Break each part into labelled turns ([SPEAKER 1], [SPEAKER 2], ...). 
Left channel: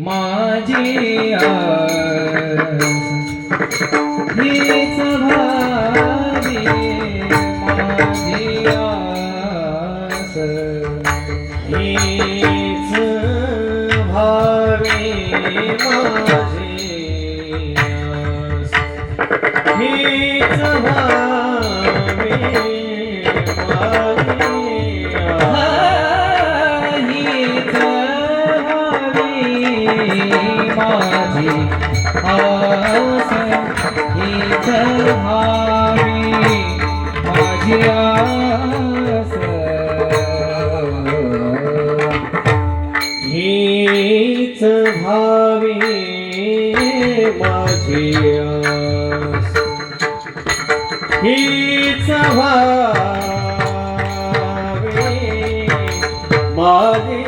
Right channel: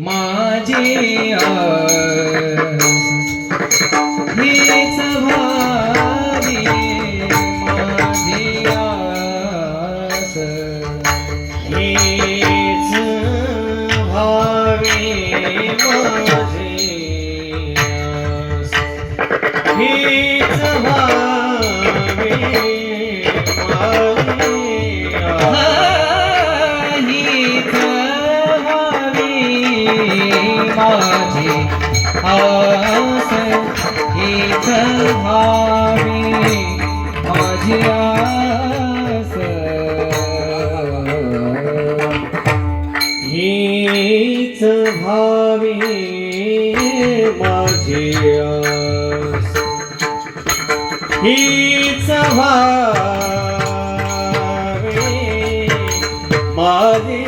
[SPEAKER 1] माझी हीच भावी माझी आस हीच भावी माझी आस हीच भावी माझी आस हीच भावी माझी आस हीच भावी माझी आस हीच भावी माझी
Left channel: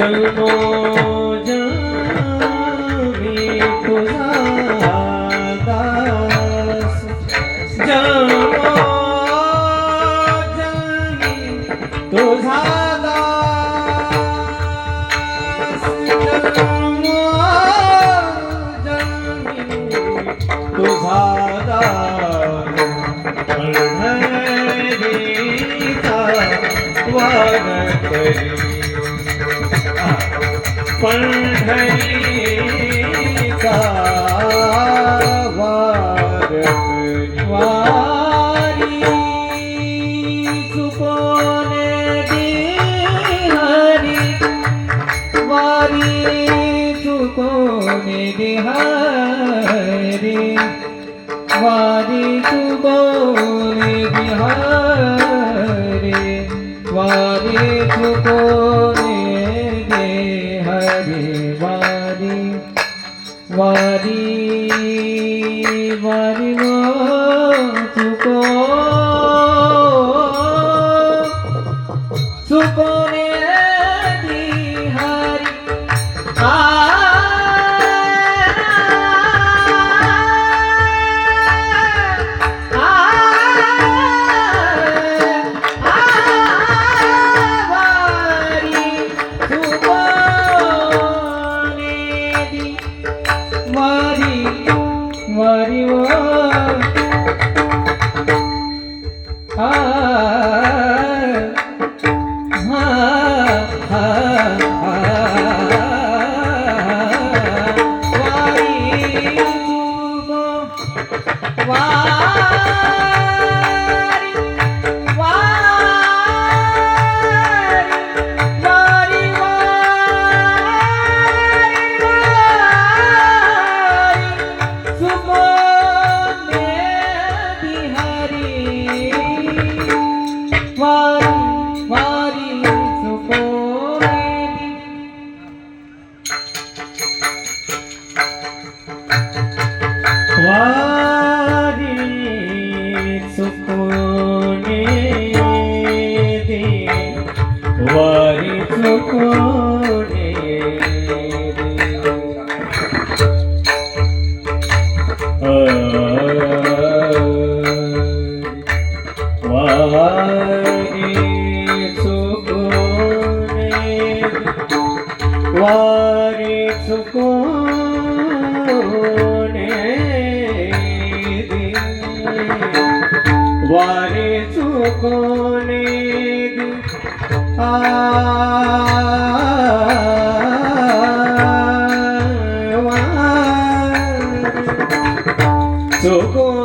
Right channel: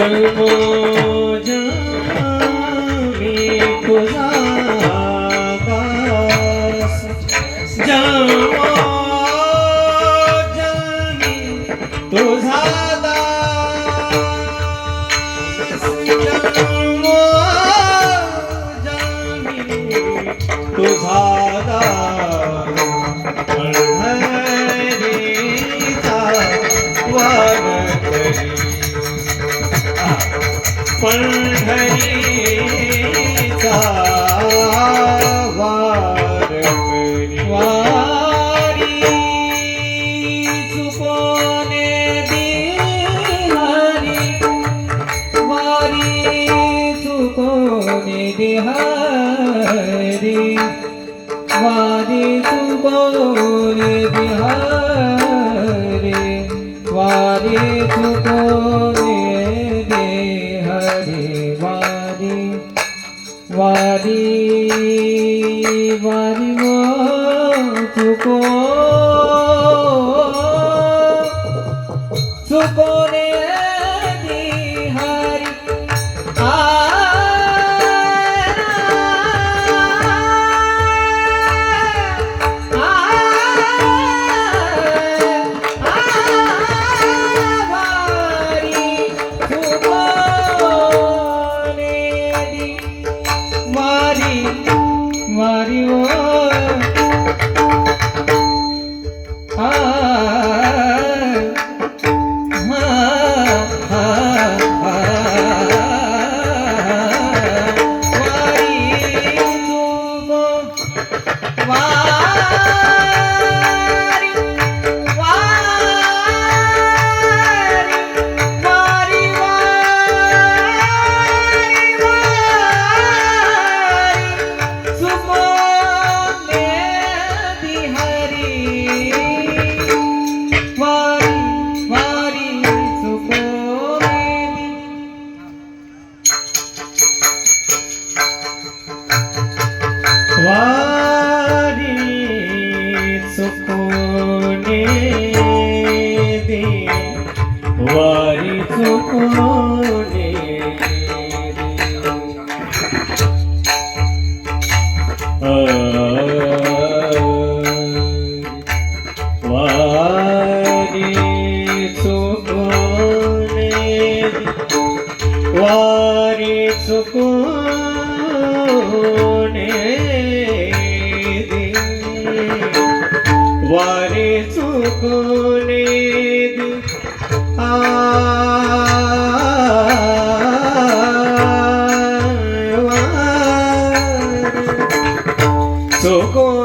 [SPEAKER 1] जन्मोजन्मी तुझा पंढरीचा वार करी वारी चुकोने दिहारी वारी चुकोने दिहारी वारी चुकोने दिहारी वारी चुकोने वारी वारी वारी वारी वो चुको Ah. वारी चुकोने वारी चुकोने दे वारी चुकोने दे आ वारी चुकोने